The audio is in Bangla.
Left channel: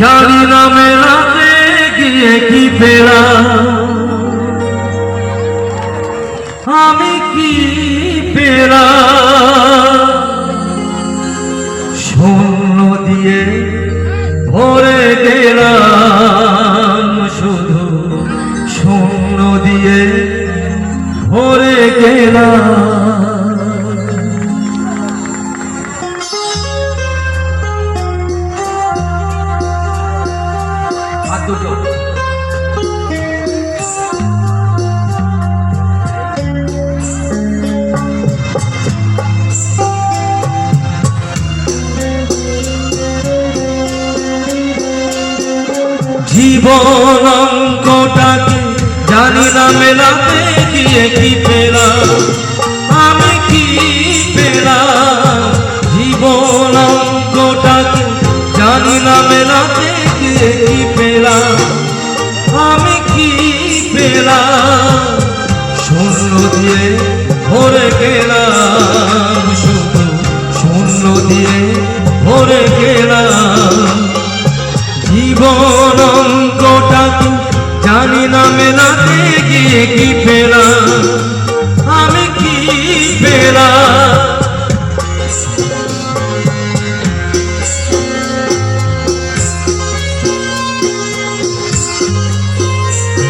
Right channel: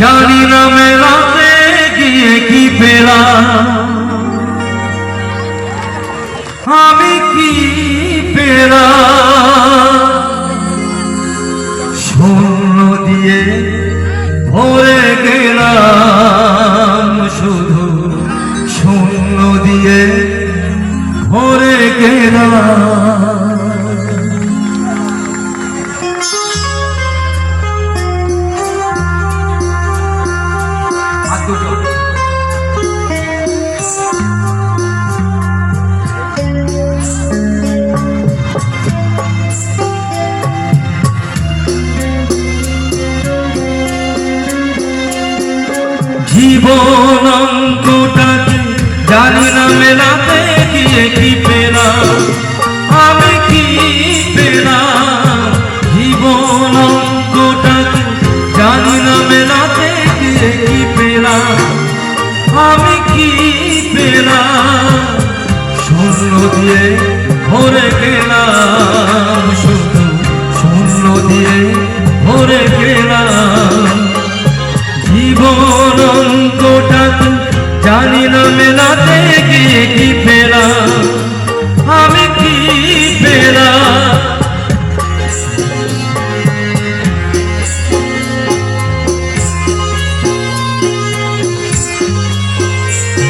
জানি না মেলাতে গিয়ে কি পেলাম, আমি কি পেলাম। শূন্য দিয়ে ভরে গেলাম, শুধু শূন্য দিয়ে ভরে গেলাম। জীবন অঙ্কটাকে জানি না মেলাতে গিয়ে কি পেলাম, আমি কি পেলাম। জীবন অঙ্কটাকে জানি না মেলাতে গিয়ে কি পেলাম, আমি কি পেলাম। শূন্য দিয়ে ভরে গেলাম, শুধু শূন্য দিয়ে ভরে গেলাম। জীবন অঙ্কটাকে জানি না মেলাতে